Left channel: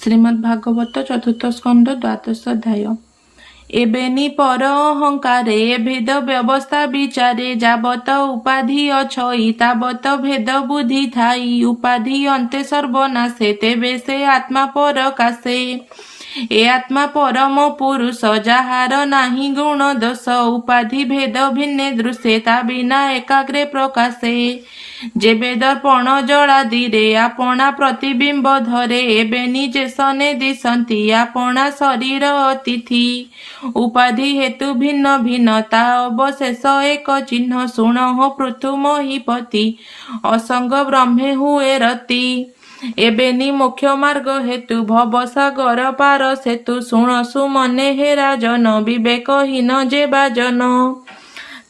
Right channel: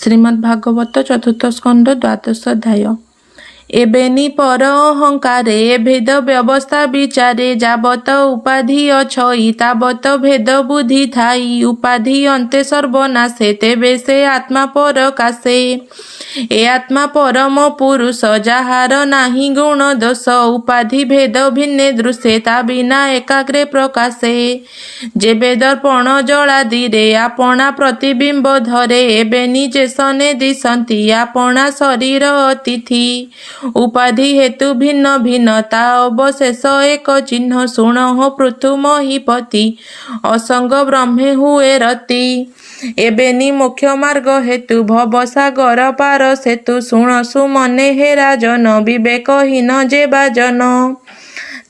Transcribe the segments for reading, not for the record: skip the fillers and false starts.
श्रीमद्भागवत चतुर्थ स्कंद द्वादश अध्याय। एबेनी पर अहंकारे भेद व्यवस्था विचारे जाबत उपाधि अछई ताबत भेद बुद्धि थाई उपाधि अंते सर्वनाशे तेबे से आत्मा पर कासे। ए आत्मा परम पुरुष जाहार नाही गुण दोष उपाधि भेद भिन्ने दृश्ये ता बिना एकाग्रे प्रकाशे। जेबे दर्पण जला धीरे आपणा प्रतिबिंब धरे एबे निजे सने दिशंती आपणा शरीर अतिथि उपाधि हेतु भिन्न भिन्न ता अवशेष एक चिन्ह शुण पृथु महीपति असंग ब्रह्मे हुए रति। एबेनी मोक्ष मार्ग हेतु भवसागर पार सेतु शुणसु मने हे राजन विवेकहीन जे बाजन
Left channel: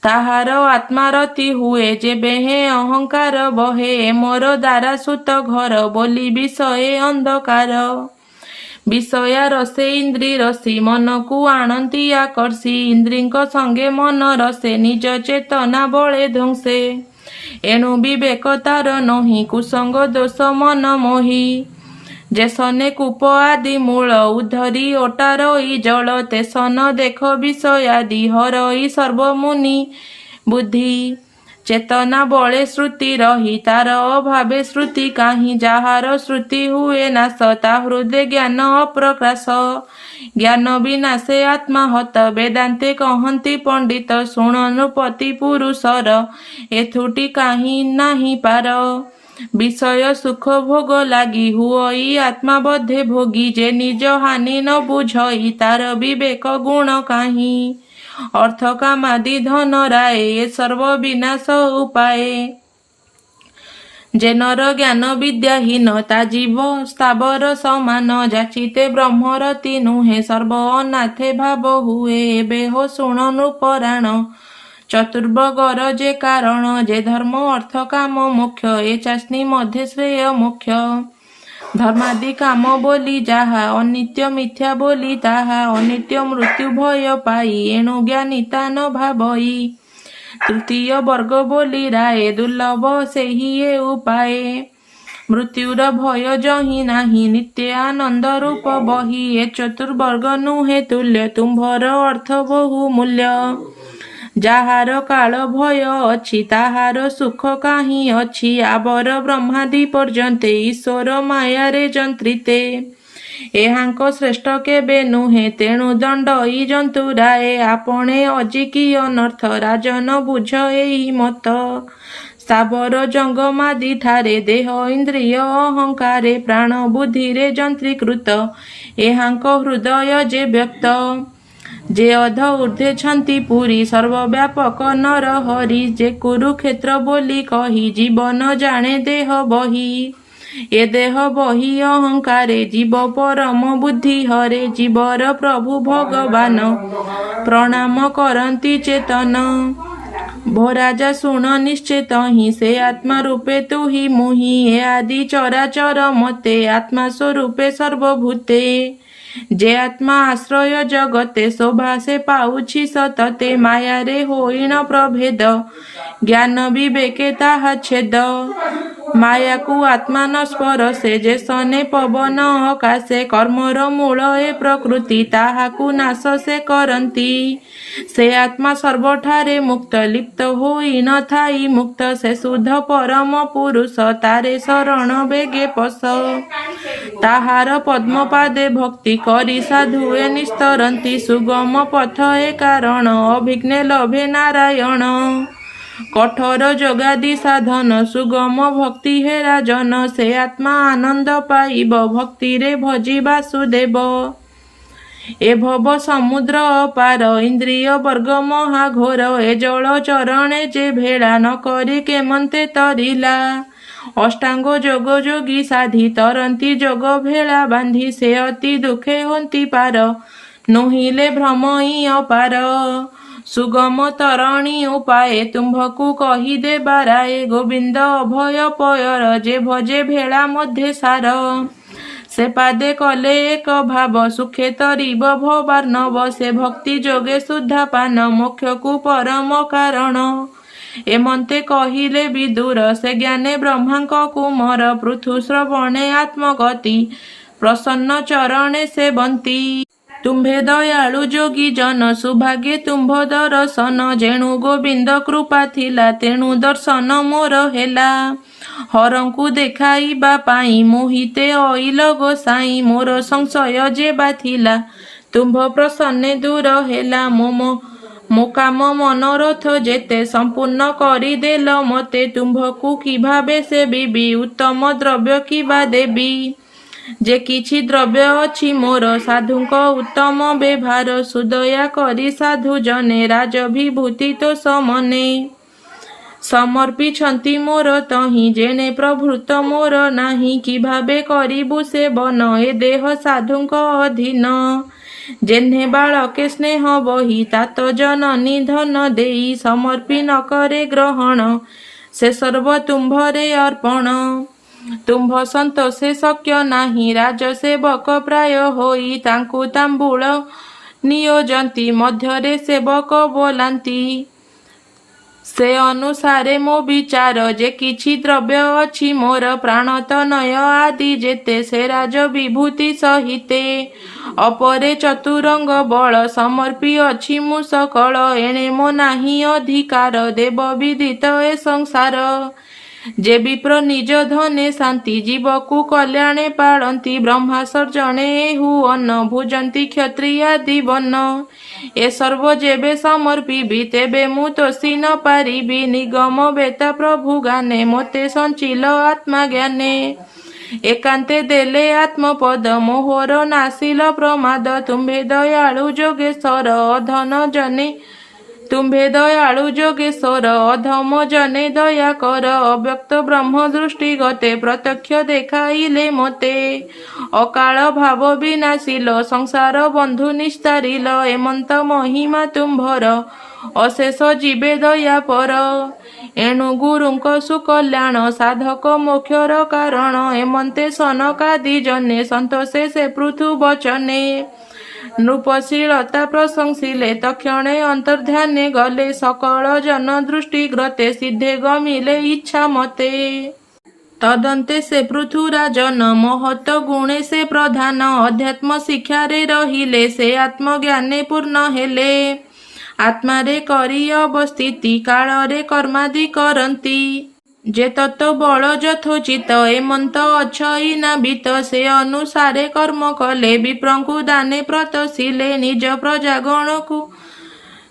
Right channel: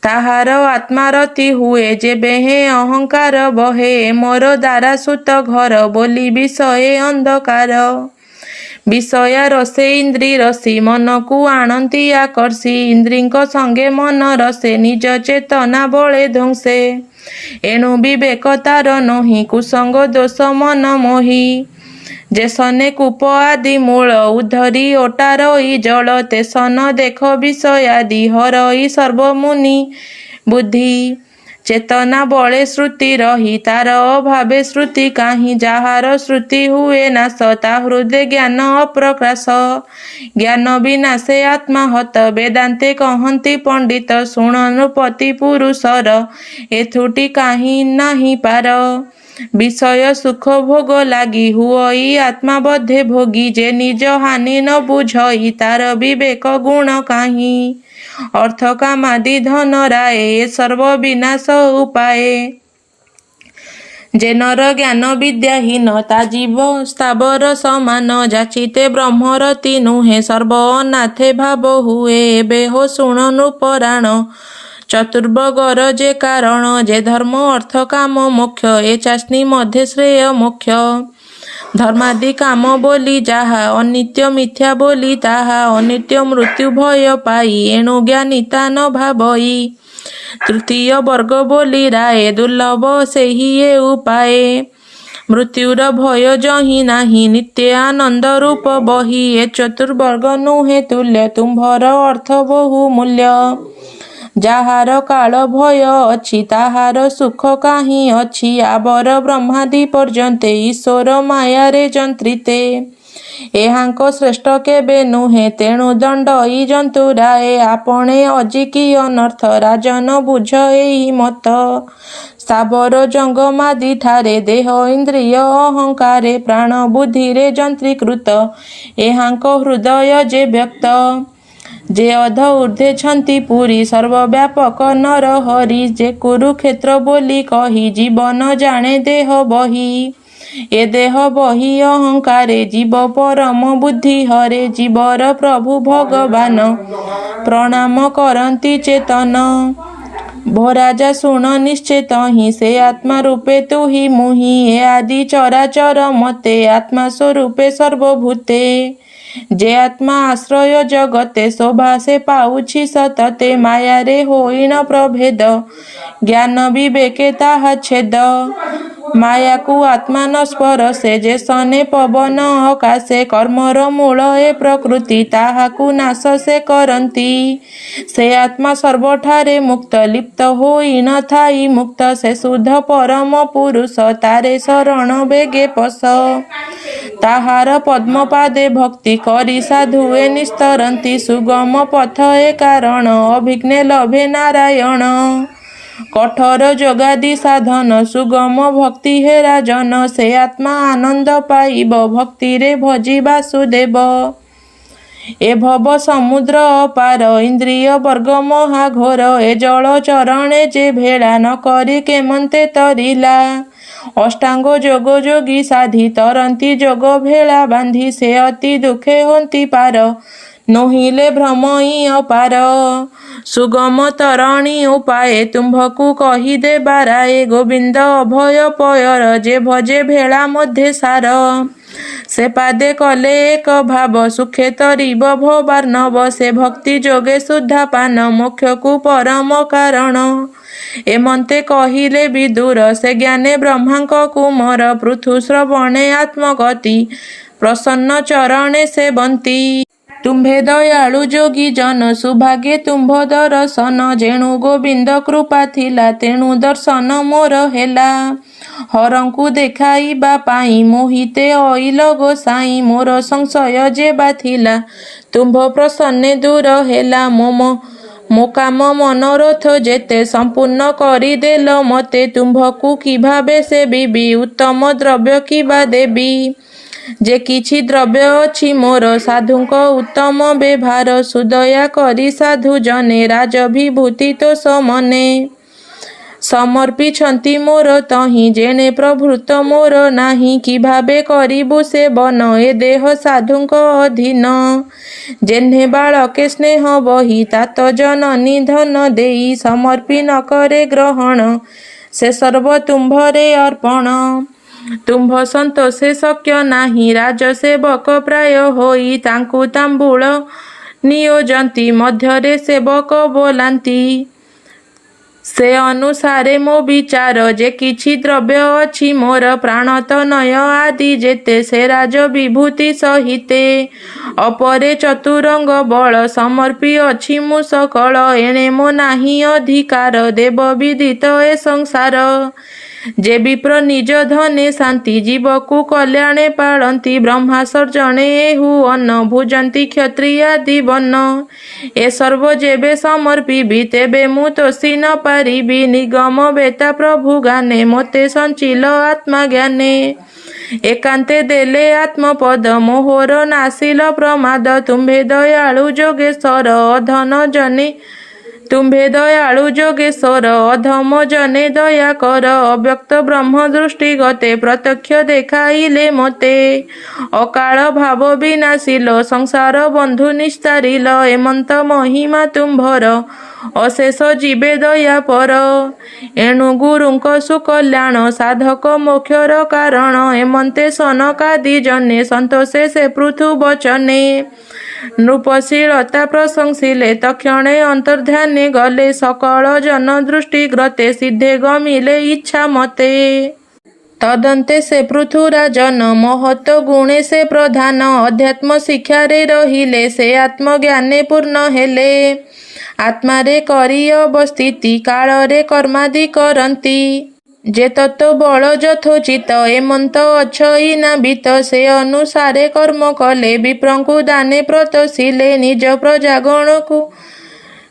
ताहार आत्मारति हुए जेबे हे अहंकार बहे मोर द्वारा सुत घर बोली विषये अंधकार। विषया रसे इंद्री रसी मन को आणती आकर्षी इंद्रीक संगे मन रसे निज चेतना बले ध्वंसे एणु विवेक तार नही कुसंग दोष मन मोही। जेसने कूप आदि मूल उद्धरी ओटारई जल तेसन देख विषयादि हरई सर्वमुनि बुद्धि चेतना बले श्रुति रही तार अभावे श्रुति काहि जहार श्रुति हुए नाश ता हृदय ज्ञान अप्रकाश। ज्ञान विनाशे आत्मा हत वेदांते कहंती पंडित शुण नृपति पुरुषर एथुटी काहि नाही पार। विषय सुख भोग लागी हुई आत्मा बद्धे भोगी जे निज हानि न बुझई तार विवेक गुण काहि। अर्थ कामादि धन राय सर्व विनाश उपाय जे नर ज्ञान विद्याहीन ता जीव स्थावर समान जाचिते ब्रह्मरति नुहे सर्व अनाथे भाव हुए एबे हो शुण नृपराण चतुर्वर्गर जे कारण जे धर्म अर्थ काम मोक्ष ए चाष्णी मध्य श्रेय मोक्ष। धर्मादि काम बोली जाहा अनित्य मिथ्या बोली ताहा अनित्य मृत्यु भय पाई एणु ज्ञानिता न भावई। तृतीय वर्ग बोली राय दुर्लभ सेहि ए उपाय मृत्युर भय जही नाही नित्य आनंद रूप बही ए चतुर्वर्ग नुहे तुल्य तुम्भर अर्थ बहु मूल्य। जाहार काल भय अछि ताहार सुख काहि अछि आबर ब्रह्मादि पर्यन्ते ईश्वर मायारे जंत्रिते एहांक श्रेष्ठ केबे नुहे तेणु दंडई जंतुराए आपणे अजिकी अनर्थ राजन बुझ एई मत। स्थावर जंगमादि ठारे देह इंद्रिय अहंकारे प्राण बुद्धिरे जंत्रीकृत एहांक हृदय जे व्यक्त जे अध ऊर्ध्वे छंती पुरी सर्वव्यापक नर हरि जे कुरुक्षेत्र बोली कही जीवन जाने देह बही। ए देह बही अहंकारे जीव परम बुद्धि हरे जीवर प्रभु भगवान प्रणाम करंती चेतन। भो राजा शुण निश्चेत ही से आत्मा रूपे तु ही मुहि ए आदि चराचर मते आत्मा स्वरूपे सर्वभूते जे आत्मा आश्रय जगते शोभा से पाउछि सतते मायारे होइन प्रभेद ज्ञान विवेके ताहा छेद। माया को आत्मा न स्परशे जे सने पवन आकाशे कर्मर मूल ए प्रकृति ताहाकु नाश से करंती से आत्मा सर्वठारे मुक्त लिप्त होई न थाई मुक्त से शुद्ध परम पुरुष तारे शरण बेगे पस। ताहार पद्मपादे भक्ति करी साधुए निस्तरंती सुगम पथ ए कारण अभिघ्ने लभे नारायण। कठोर जोगादि साधन सुगम भक्ति हे राजन से आत्मा आनंद पाइब भक्ति रे भजी वासुदेव। ए भव समुद्र अपार इंद्रिय वर्ग महाघोर ए जल चरणे जे भेड़ा न करी केमंते तरिला। अष्टांग जोग जोगी साधी तरंती जोग भेड़ा बांधी से अति दुखे होंती पार नोहिले भ्रमई अपार। सुगम तरणी उपाय तुम्भकु कही दे बाराए गोविंद अभय पयर जे भजे भेड़ा मध्य सार से पादे कले एक भाव सुखे तरिब भवार्णव से भक्ति जोगे शुद्धा पान मोक्ष को परम कारण। एमंते कहिले विदुर से ज्ञाने ब्रह्मांक कुमर पृथु श्रवणे आत्मगति प्रसन्न चरणे सेवन्ति। तुम्भे दयालु जोगी जन सुभागे तुम्भ दर्शन। जेणु गोविंद कृपा थिला तेणु दर्शन मोर हेला। हरंकु देखाइबा पाई मोहिते अइल गोसाई। मोर संशय जेबा थिला तुम्भ प्रसन्ने दूर हेला। मो काम मनोरथ जेते संपूर्ण करिदेल मते। तुम्भकु कि भावे सेबिबि उत्तम द्रव्य किबा देबी। जे किछि द्रव्य अछि मोर साधुंक उत्तम व्यवहार। सुदया करी साधु जने राजभिभूति तो समने। समर्पिछन्ति मोर तहि जेणे प्रभृत मोर नाही। कि भावे करिबु सेवन ए देह साधुंक अधीन। जेन्हे बालके स्नेह बही तात जननी धन देई। समर्पी न करे ग्रहण से सर्व तुम्भरे अर्पण। तुम्भ सन्तोषे शक्य नाही राजसेवक प्राय होई। तांकु तांबूळ नियोजन्ति मध्यरे सेवक बोलांति। से अनुसारे मो विचार जे किछि द्रव्य अछि मोर प्राणतनय आदि जेते। से राज विभूति सहिते अपरे चतुरंग बळ। समर्पी अछि मु सकळ एणे मो नाही अधिकार। देव विदित ए संसार। जे विप्र निज धने शांति जीवकु कल्याणे पाळन्ति। ब्रह्मा सर्जणे एहु अन्न भुजन्ति क्षत्रियादि वन्न। ए सर्व जेबे समर्पिबि तेबे मु तोषि न पारिबि। निगम बेता प्रभु गाने मोते संचिल आत्मा ज्ञाने। एकांते देले आत्मपद मोहर नासिल प्रमाद। तुम्भे दयालु जोगेश्वर अधन जने। तुम्भे दयालु जोगेश्वर अधम जने दया कर। अव्यक्त ब्रह्म दृष्टि गते प्रत्यक्ष देखाइले मते। अकाल भाव विनाशिल संसार बंधु निस्तारिल। एमंत महिमा तुम्भर अशेष जीवे दया पर। एणु गुरुंक सुकल्याण साधक मोक्षर कारण। एमंते सनकादि जने संतोषे से पृथु वचने। नृपशीलता प्रशंसिले तक्षणे अंतर्ध्याने गले। सकल जन दृष्टि ग्रते सिद्धे गमिले इच्छा मते। तदन्ते से पृथुराजन महत्व गुणे से प्रधान। अध्यात्म शिक्षारे रहिले से आत्मज्ञाने पूर्ण हेले। आत्मारे करी अवस्थिति काଳରେ कर्मादि करन्ति। जे तत्व बल यथोचित एमंत अच्छई नाबित। से अनुसारे कर्म कले विप्रंकु दाने प्रतशिले।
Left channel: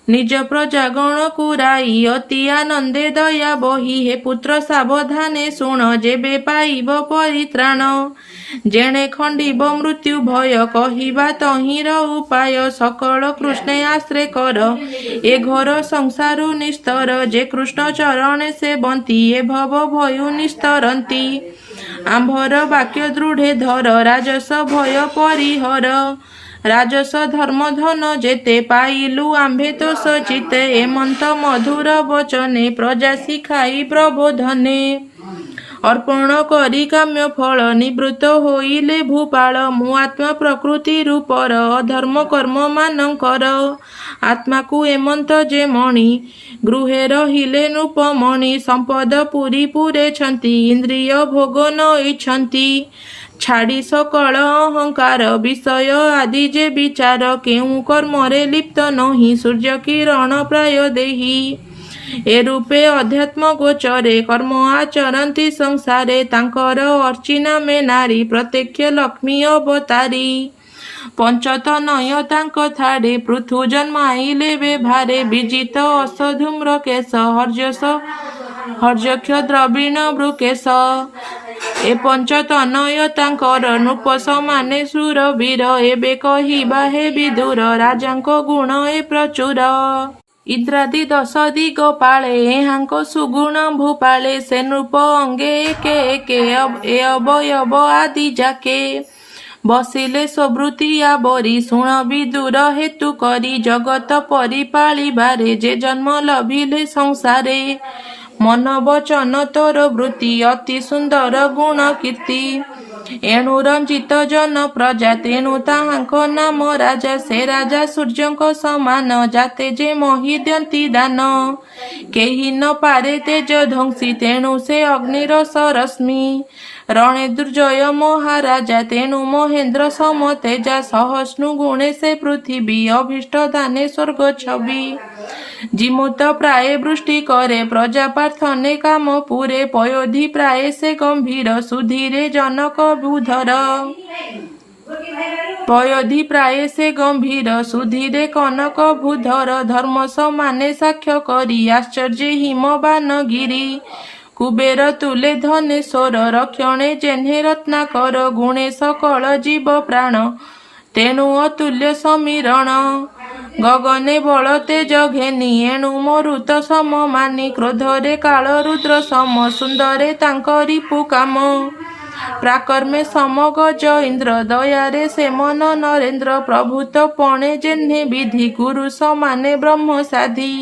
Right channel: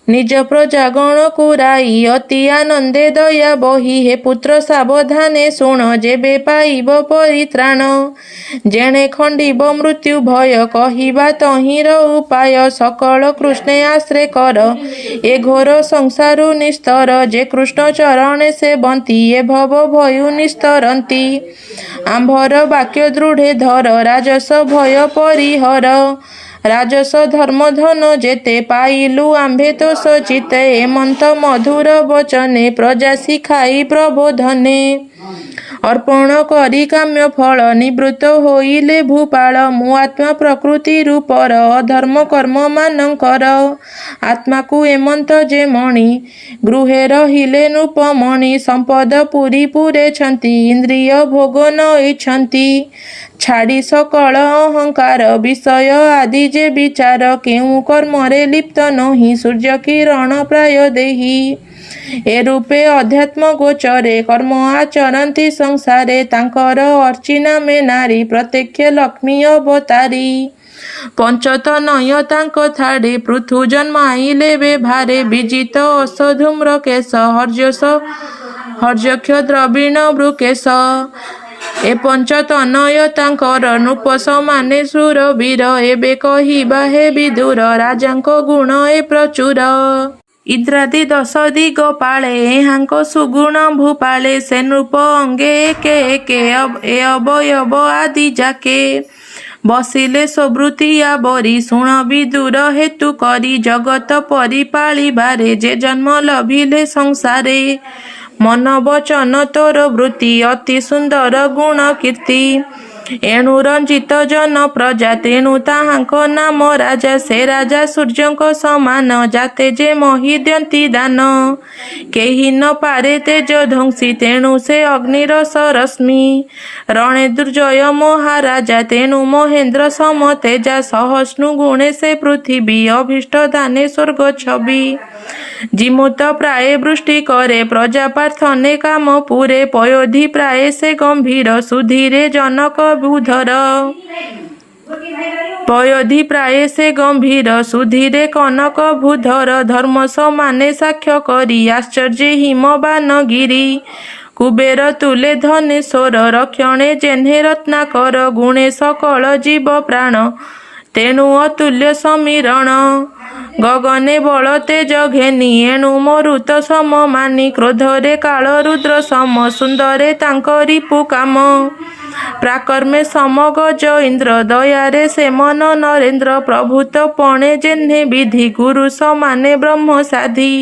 निज प्रजागणकु राई अति आनंदे दया बही। हे पुत्र सावधाने शुण जेबे पाइब परित्राण। जेणे खंडिब मृत्यु भय कहिबा तहिर उपाय। सकल कृष्णे आश्रे कर ए घोर संसारु निस्तर। जे कृष्ण चरणे सेवन्ति ए भव भयु निस्तरन्ति। आम्भर वाक्य दृढे धर राजस भय परिहर। राजस धर्म धन जेते पाइलु आम्भे तो सचित। एमंत मधुर वचने प्रजा शिखाई प्रबोधने। अर्पण करी काम्य फल निवृत्त होइले भूपाल। मु आत्मा प्रकृति रूपर अधर्म कर्म मानकर। आत्मा को एमंत जे मणि गृहे रहिले नृपमणि। संपद पुरी पुरे छन्ति इंद्रिय भोग न इच्छन्ति। छाड़ी सकल अहंकार विषय आदि जे विचार। केउ कर्मरे लिप्त नहि सूर्य किरण प्राय देही। ए रूपे अध्यात्म गोचरे कर्म आचरन्ति संसारे। तांकर अर्चिना में नारी प्रत्यक्ष लक्ष्मी अवतारी। पंचतनय तांक थाड़े पृथु जन्माइले व्यवहारे। विजित असधूम्र केश हर्यक्ष द्रविण वृकेश। ए पंचतनय तांकर नृप समाने शूरवीर। एबे कहिबा हे विदुर राजांक गुण ए प्रचुर। इद्रादि 10 दिग पाळे एहांक सुगुण भूपाळे। से नृप अंगे एके एके ए अवयव आदि जाके। बसिले सुवृत्तिया बरी शुण विदुर हेतु करी। जगत परिपालिबारे जे जन्म लभिले संसारे। मन वचन तोर वृत्ति अति सुंदर गुण कीर्ति। ଏଣୁ ରଞ୍ଜିତ ଜନ ପ୍ରଜା ତେଣୁ ତାହାଙ୍କ ନାମ ରାଜା। ସେ ରାଜା ସୂର୍ଯ୍ୟଙ୍କ ସମାନ ଜାତେ ଯେ ମହି ଦିଅନ୍ତି ଦାନ। କେହି ନ ପାରେ ତେଜ ଧ୍ୱଂସୀ ତେଣୁ ସେ ଅଗ୍ନିର ସରଶ୍ମି। ରଣେ ଦୁର୍ଜୟ ମହାରାଜା ତେଣୁ ମହେନ୍ଦ୍ର ସମ ତେଜା। ସହସ୍ନୁ ଗୁଣେ ସେ ପୃଥିବୀ ଅଭୀଷ୍ଟ ଦାନେ ସ୍ୱର୍ଗ ଛବି। ଜିମୁତ ପ୍ରାୟ ବୃଷ୍ଟି କରେ ପ୍ରଜା ପ୍ରାର୍ଥନେ କାମ ପୁରେ। ପୟୋଧି ପ୍ରାୟ ସେ ଗମ୍ଭୀର ସୁଧୀରେ ଜନକ ବୁଧର। ପୟୋଧି ପ୍ରାୟ ସେ ଗମ୍ଭୀର ସୁଧୀରେ କନକ ଭୂଧର। ଧର୍ମ ସମାନେ ସାକ୍ଷ୍ୟ କରି ଆଶ୍ଚର୍ଯ୍ୟ ହିମବାନ ଗିରି। କୁବେର ତୁଲେ ଧନେଶ୍ୱର ରକ୍ଷଣେ ଯେହ୍ନେ ରତ୍ନାକର। ଗୁଣେ ସକଳ ଜୀବ ପ୍ରାଣ ତେଣୁ ଅତୁଲ୍ୟ ସମୀରଣ। ଗଗନେ ବଳ ତେଜ ଘେନି ଏଣୁ ମରୁତ ସମ ମାନି। କ୍ରୋଧରେ କାଳ ରୁଦ୍ର ସମ ସୁନ୍ଦରେ ତାଙ୍କ ରିପୁ କାମ। ପ୍ରାକର୍ମେ ସମ ଗଜ ଇନ୍ଦ୍ର ଦୟାରେ ସେମନ ନରେନ୍ଦ୍ର। ପ୍ରଭୁତ ପଣେ ଯେହ୍ନେ ବିଧି ଗୁରୁ ସମାନେ ବ୍ରହ୍ମ ସାଧି।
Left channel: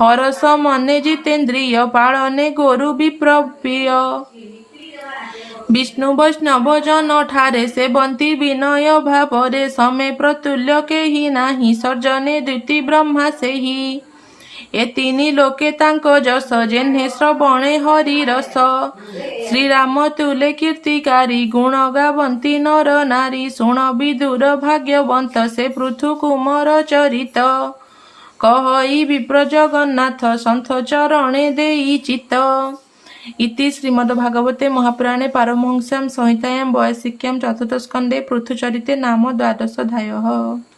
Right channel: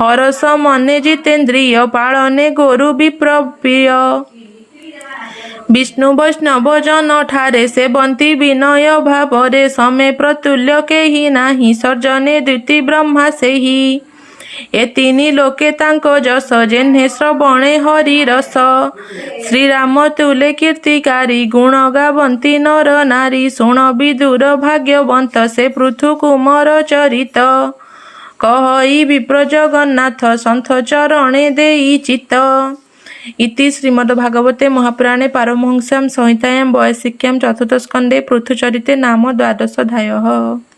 ହରସ ମନେ ଜିତେନ୍ଦ୍ରିୟ ପାଳନେ ଗୋରୁ ବିପ୍ରପ୍ରିୟ। ବିଷ୍ଣୁ ବୈଷ୍ଣବ ଜନ ଠାରେ ସେବନ୍ତି ବିନୟ ଭାବରେ। ସମେ ପ୍ରତୁଲ୍ୟ କେହି ନାହିଁ ସର୍ଜନେ ଦ୍ୱିତି ବ୍ରହ୍ମା ସେହି। ଏ ତିନି ଲୋକେ ତାଙ୍କ ଯଶ ଯେହ୍ନେ ଶ୍ରବଣେ ହରି ରସ। ଶ୍ରୀରାମ ତୁଲେ କୀର୍ତ୍ତିକାରୀ ଗୁଣ ଗାବନ୍ତି ନର ନାରୀ। ଶୁଣ ବିଦୁର ଭାଗ୍ୟବନ୍ତ ସେ ପୃଥୁ କୁମର ଚରିତ। କହଇ ବିପ୍ର ଜଗନ୍ନାଥ ସନ୍ଥ ଚରଣେ ଦେଇ ଚିତ୍ତ। ଇତି ଶ୍ରୀମଦ୍ଭାଗବତେ ମହାପୁରାଣେ ପାରମହଂସ୍ୟାଂ ସଂହିତାୟାଂ ବୈୟାସିକ୍ୟାଂ ଚତୁର୍ଥ ସ୍କନ୍ଧେ ପୃଥୁଚରିତେ ନାମ ଦ୍ୱାଦଶୋऽଧ୍ୟାୟः।